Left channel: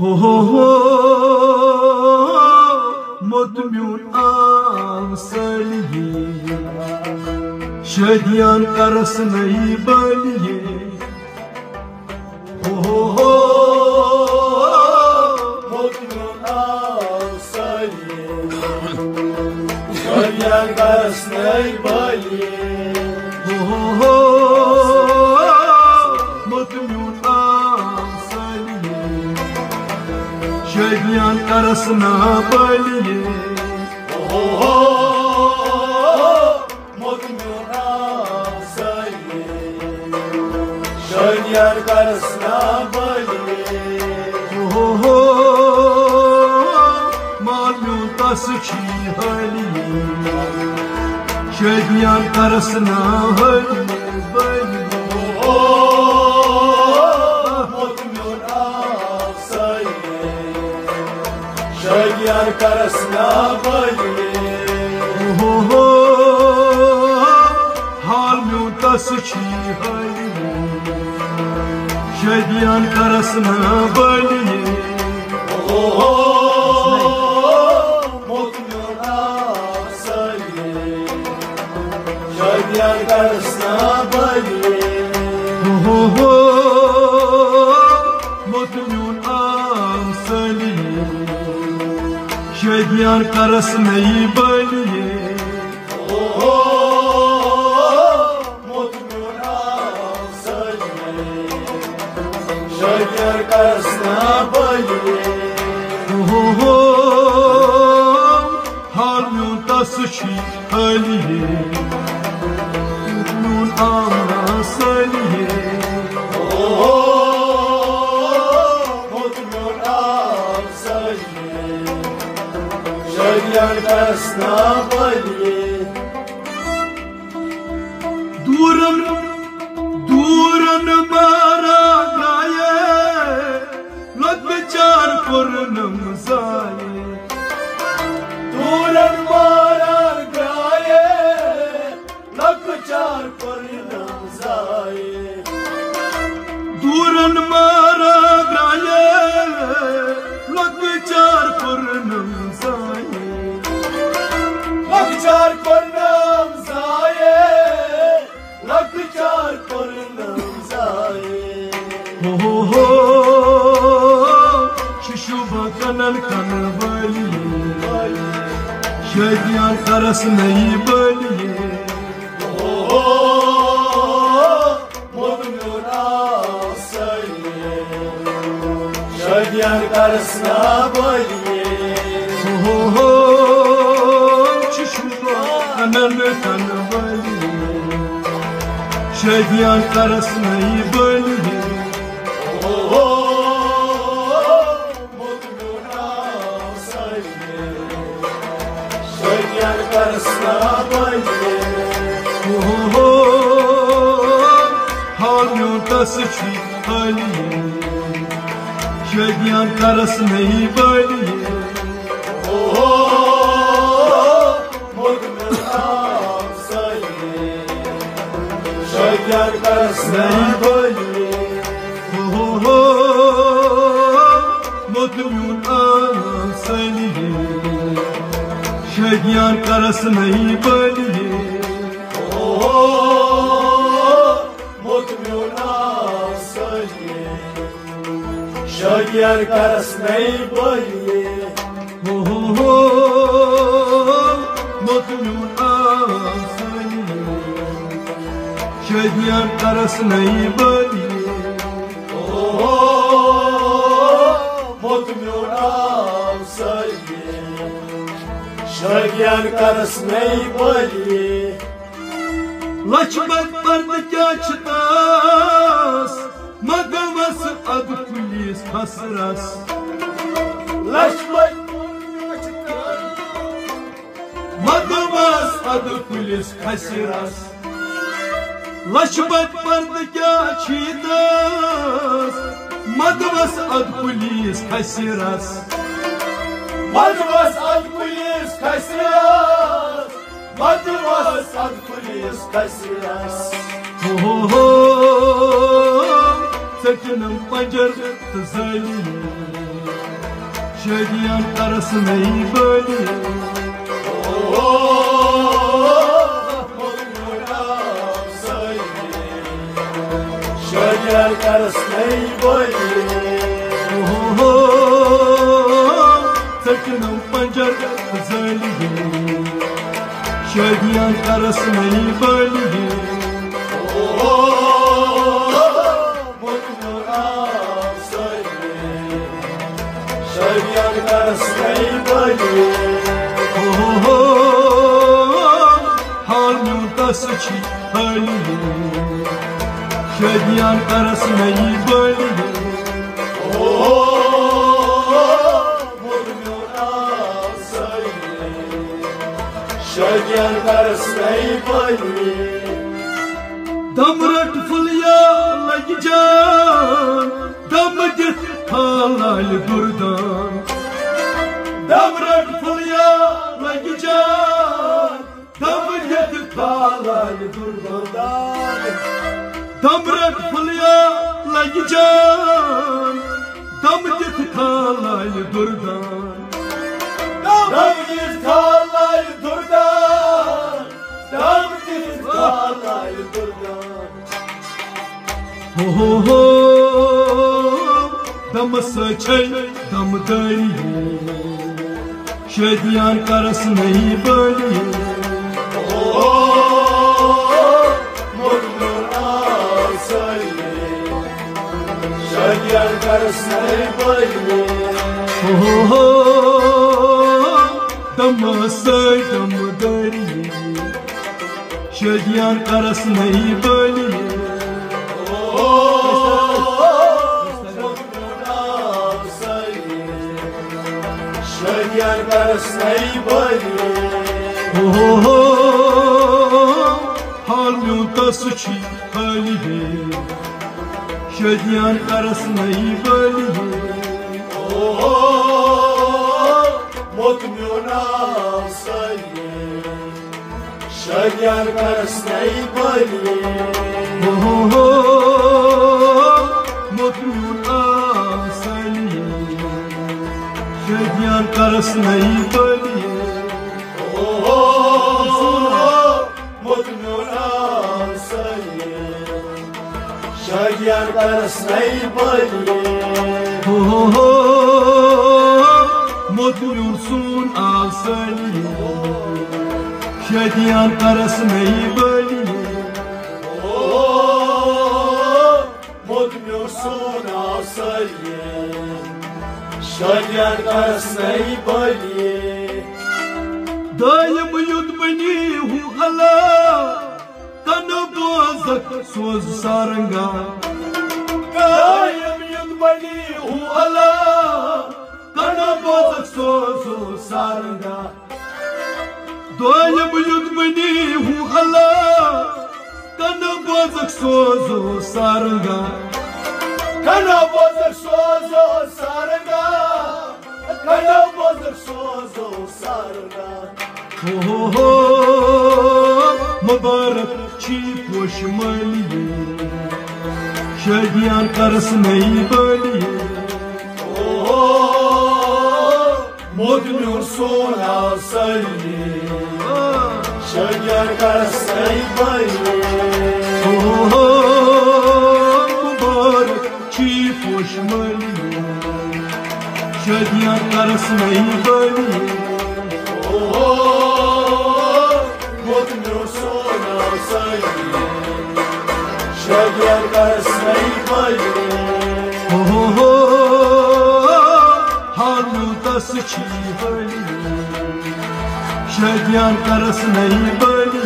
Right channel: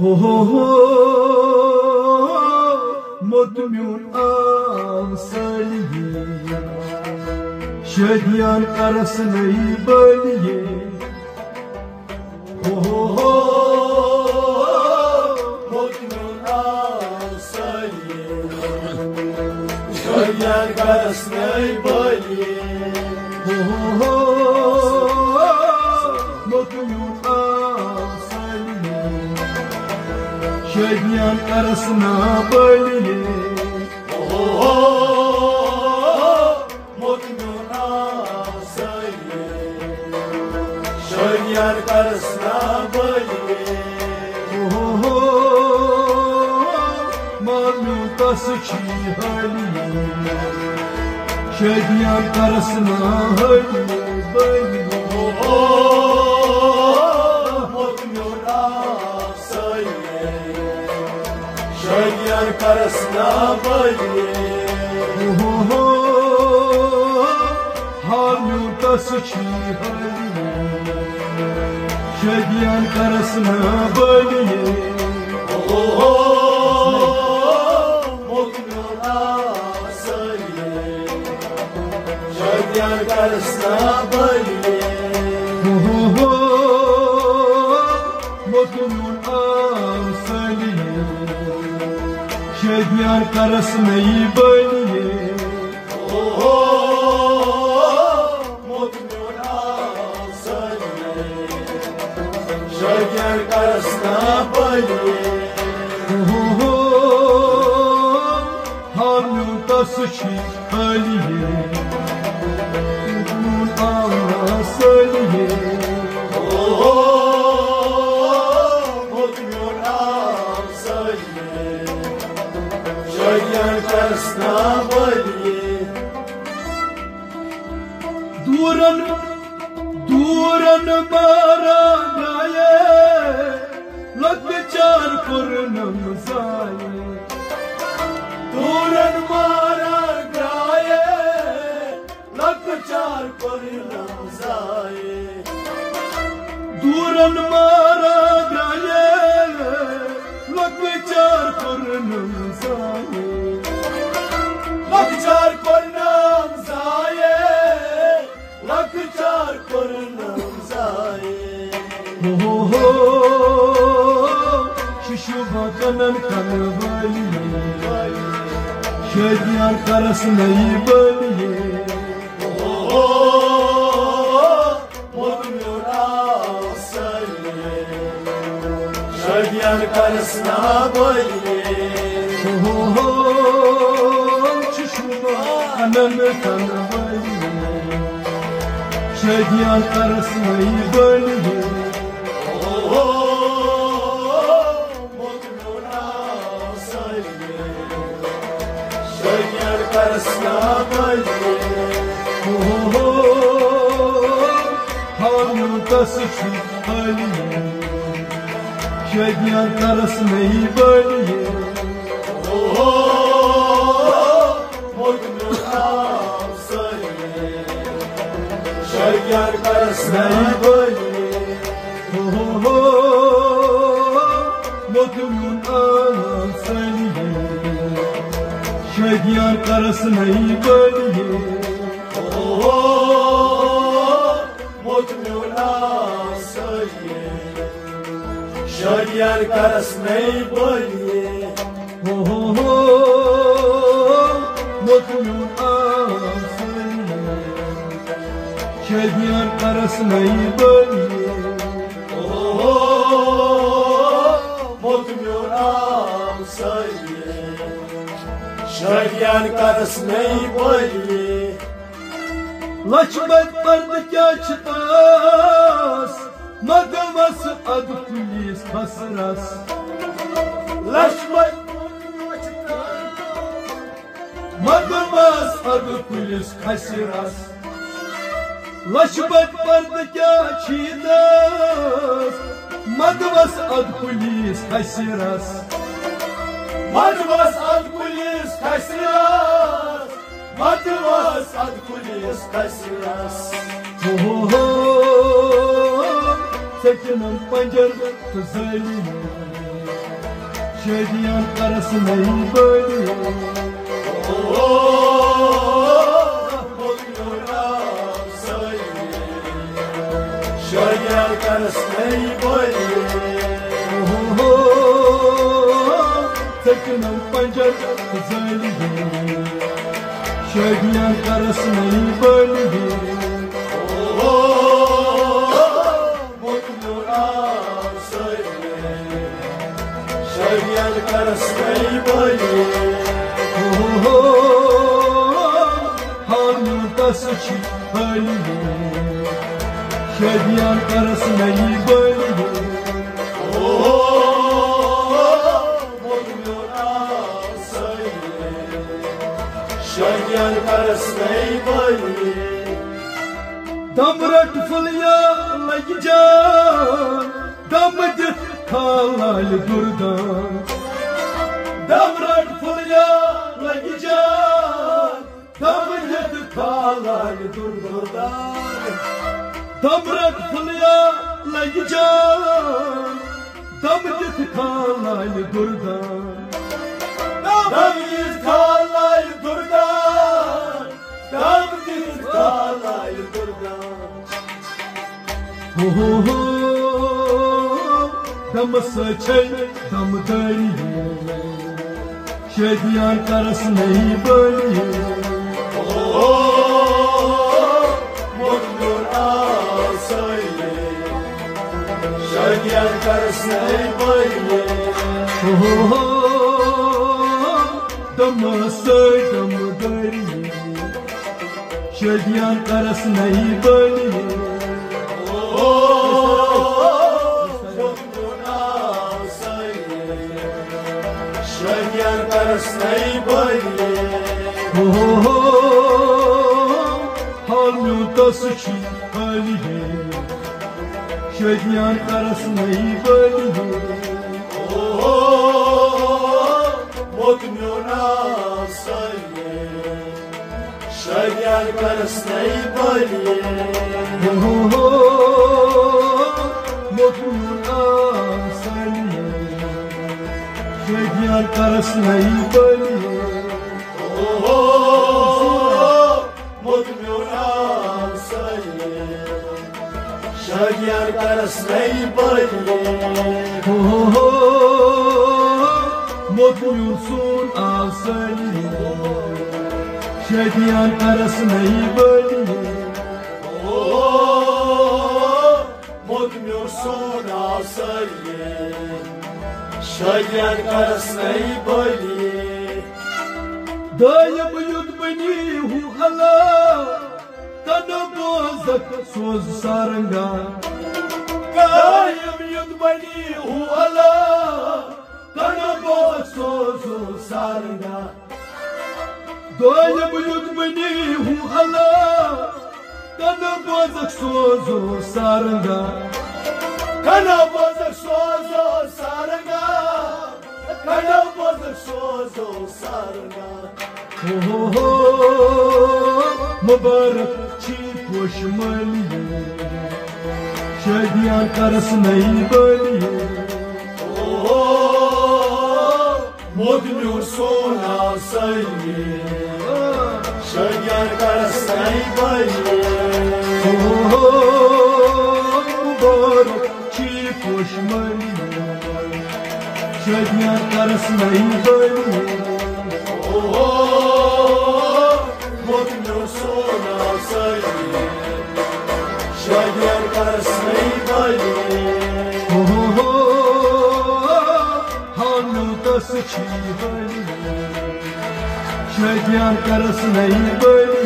हो मोतम्यून आंसलिए शदियान करस नहीं बलिए हो मोतम्यून आंसलिए शदियान करस नहीं बलिए हो मोतम्यून आंसलिए शदियान करस ना बलिए शदियान करस ना बलिए हो मालू कस छी हलिए शदियान करस ना हलिए बलिए हो शदियान करस ना बलिए हो हाल म्यूं तस छी हलिए शदियान करस ना बलिए हो मोतम्यून आंसलिए शदियान करस ना बलिए हो मोतम्यून आंसलिए शदियान करस नहीं बलिए हो मोतम्यून आंसलिए शदियान करस ना बलिए हो हाल म्यूं तस छी हलिए मोतम्यून आंसलिए हो मोतम्यून आंसलिए शदियान करस ना बलिए दूरन दूरन मारा गाये लकचार पुरनम जाये दूरन मारा गाये लकचार पुरनम जाये दूरन मारा गाये लकचार पुरनम जाये लकचार पुरनम जाये लकचार पुरनम जाये हो शिशुभा कनन कन बलिए शदियान करस नहीं बलिए हो मोतम्यून आंसलिए शदियान करस ना बलिए हो शिशुभा कनन कन बलिए शदियान करस नहीं बलिए हो मोतम्यून आंसलिए शदियान करस ना बलिए हो हाल म्यूं तस छी हलिए शदियान करस नहीं बलिए हो मोतम्यून आंसलिए शदियान करस नहीं बलिए हो मोतम्यून आंसलिए शदियान करस नहीं बलिए हो मोतम्यून आंसलिए शदियान करस नहीं बलिए हो मोतम्यून आंसलिए शदियान करस नहीं बलिए हो मोतम्यून आंसलिए शदियान करस नहीं बलिए लक्ष्मण पर्द क्या छतास मगमस अद पुलिस खसरस लक्ष्मण मगमस अद पुलिस खसरस लक्ष्मण पर्द क्या छीदस मगमस अद पुलिस खसरस मगमस अद पुलिस खसरस मगमस अद पुलिस खसरस हो सचनम पंजर तजलिए Şadiyan arasına böyle Şadiyan arasına böyle Takınım pancar zaliye Şadiyan arasına böyle Şadiyan arasına böyle Halmda sıçı haliye Şadiyan arasına böyle Şadiyan arasına böyle Damrak fulya lagcan Damgit halal durdan Damrak fulya lagcan Damgit halal durdan Damrak fulya lagcan Damgit halal durdan Damgit halal durdan Damgit halal durdan Ho Dam saçay dam dariye Şadiyan arasına böyle Mutlu söyle Şadiyan arasına böyle Dam saçay dam dariye Şadiyan arasına böyle Şadiyan arasına böyle Halmda sıçı haliye Şadiyan arasına böyle Mutlu söyle Şadiyan arasına böyle Şadiyan arasına böyle Mutlu söyle Şadiyan arasına böyle Mutlusun asali Şadiyan arasına böyle Mutlusun söyle Şadiyan arasına böyle Daim yudbani hu ala Kana bozak soz saranga Daim yudbani hu ala Kana bozak soz saranga Daim yudbani hu ala Kana bozak soz saranga Kana bozak sozo saranga Kana bozak sozo saranga Mübarek çi koşmaliye Şadiyan arasına böyle Mutlusun söyle Şadiyan arasına böyle Mübarek çi koşmaliye Şadiyan arasına böyle Mutlusun söyle Şadiyan arasına böyle Halmda sıçı haliye Şadiyan arasına böyle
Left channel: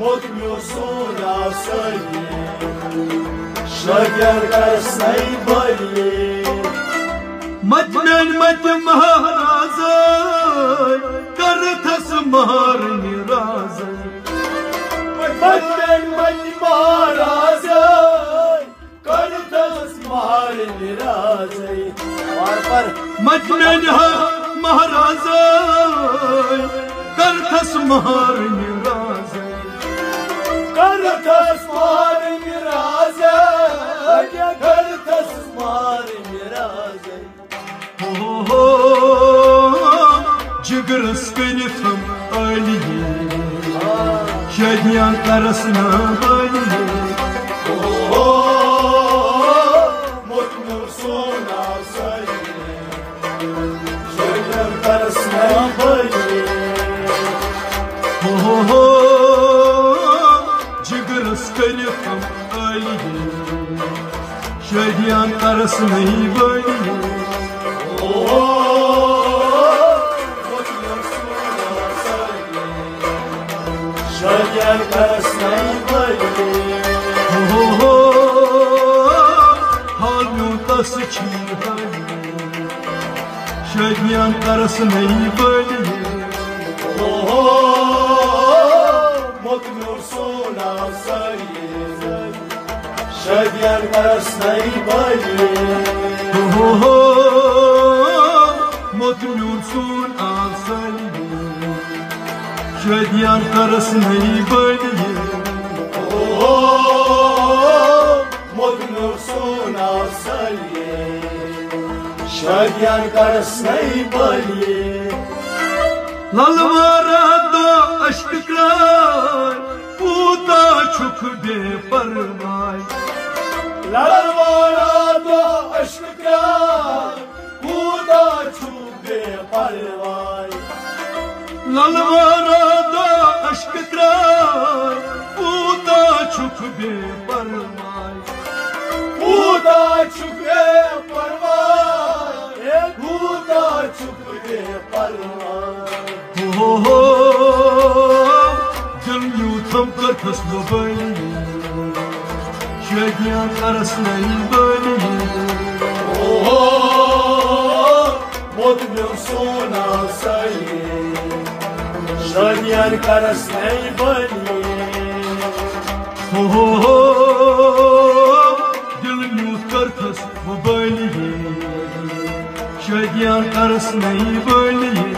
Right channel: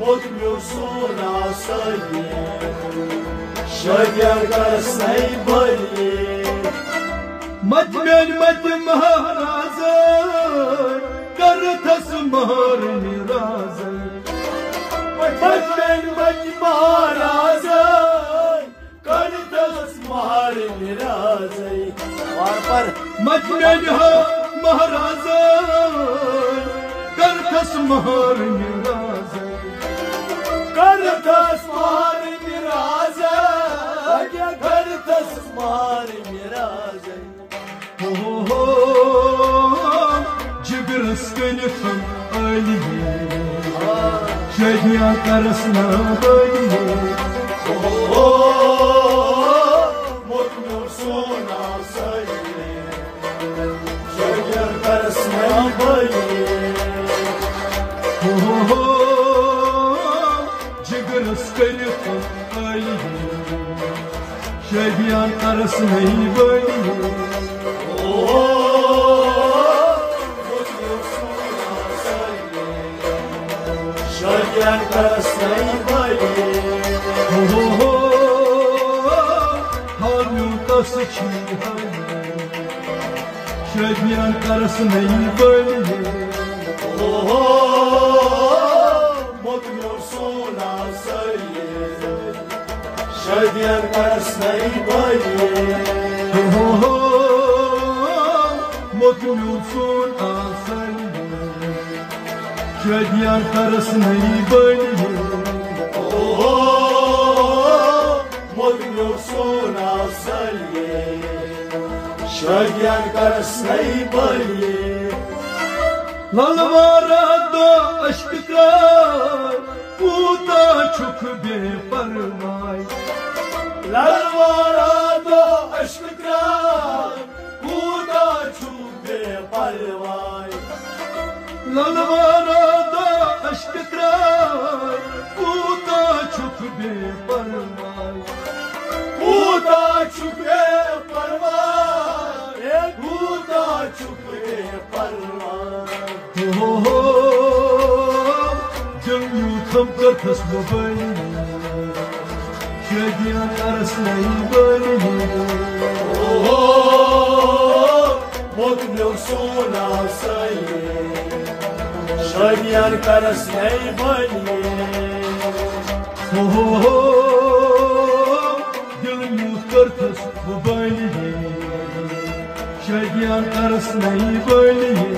Mutlusun söyle Şadiyan arasına böyle Majmen maj maharazay Karthas mahar nirazay Majmen maj maharazay Karthas mahar nirazay Var par Majmen ha maharazay Karthas mahar nirazay Karthas mahar nirazay Karthas मारे मेरा हो जिगरस कनिफम अलिये शदियां करसना बलिये मोटमो सोना सलिये शदियां करसना बलिये हो जिगरस कनिफम अलिये शदियां करसना बलिये शदियां करसना बलिये हो हालू तसची शदियां करसना बलिये मोटमो सोना सलिये शदियां करसना बलिये हो मखलून सुन आसलिये शदियां करसना बलिये मोटमो सोना सलिये शदियां करसना बलिये ललवारा दो अश्क करार पूता छुक बेपरवाह ललवारा दो अश्क करार पूता छुक बेपरवाह ललवारा दो अश्क करार पूता छुक बेपरवाह पूता छुक बेपरवाह पूता छुक बेपरवाह हो दिल यूं थम कर फसलो बलिये शदियां करसना बलिये मोटमो सोना सलिये शदियां करसना बलिये हो दिल यूं कर फसलो बलिये शदियां करसना बलिये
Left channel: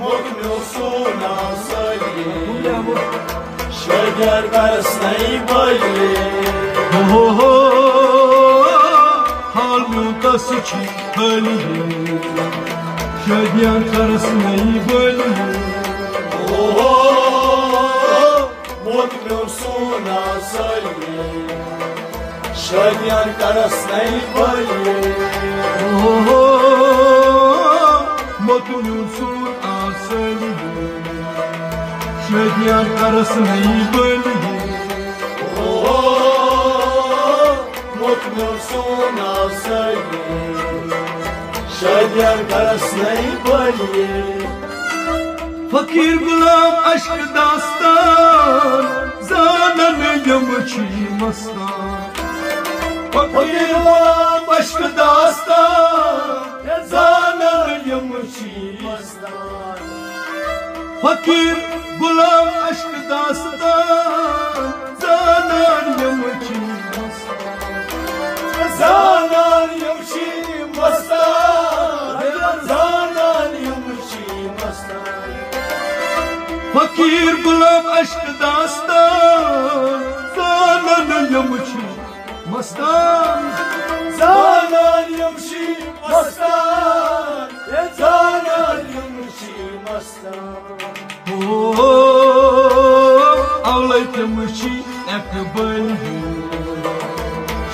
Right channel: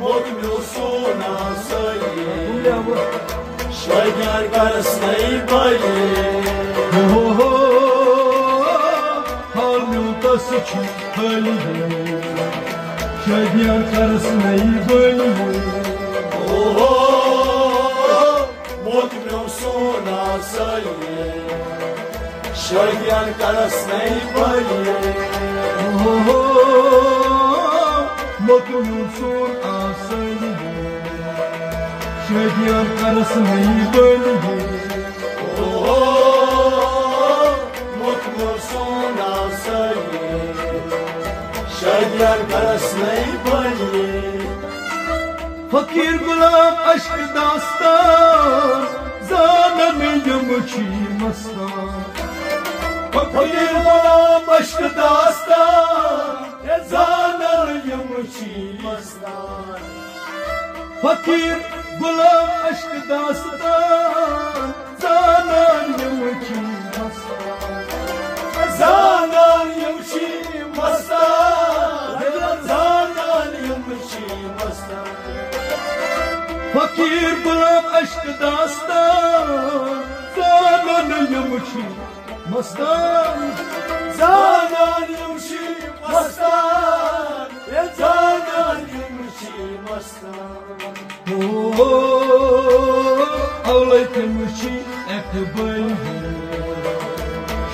मोटमो सोना सलिये शदियां करसना बलिये हो हालू तसची बलिये शदियां करसना बलिये मोटमो सोना सलिये शदियां करसना बलिये हो मखलून सुन आसलिये शदियां करसना बलिये मोटमो सोना सलिये शदियां करसना बलिये फकीर गुलाम अश्क दास्तान जानन यमची मस्तान फकीर गुलाम अश्क दास्तान जानन यमची मस्तान फकीर गुलाम अश्क दास्तान जानन यमची मस्तान जानन यमची मस्तान जानन यमची मस्तान फकीर गुलाम अश्क दास्तान जानन यमची मस्तान जानन यमची मस्तान जानन यमची मस्तान हो अवलै तमची एकबलिये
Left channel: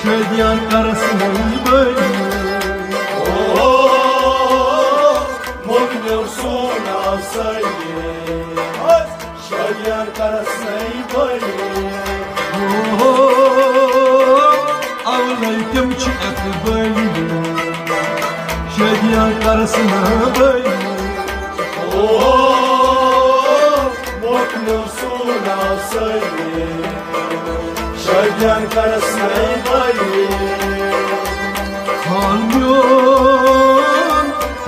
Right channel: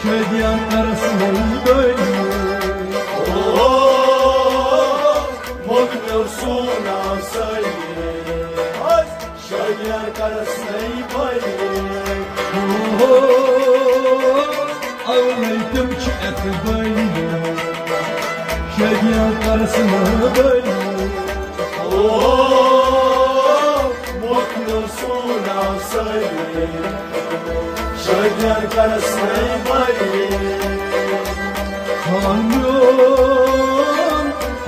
शदियां करसना बलिये मोटमो सोना सलिये शदियां करसना बलिये अवलै तमची एकबलिये शदियां करसना बलिये मोटमो सोना सलिये शदियां करसना बलिये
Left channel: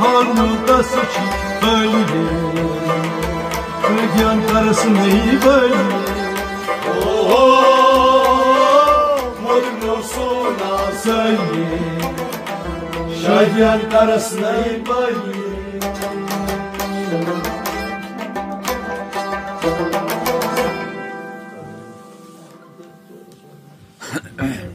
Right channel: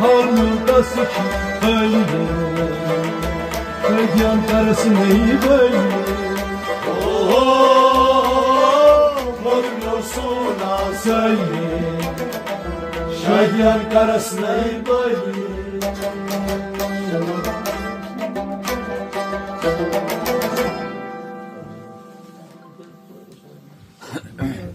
हालू तसची बलिये शदियां करसना बलिये मोटमो सोना सलिये शदियां करसना बलिये Yeah.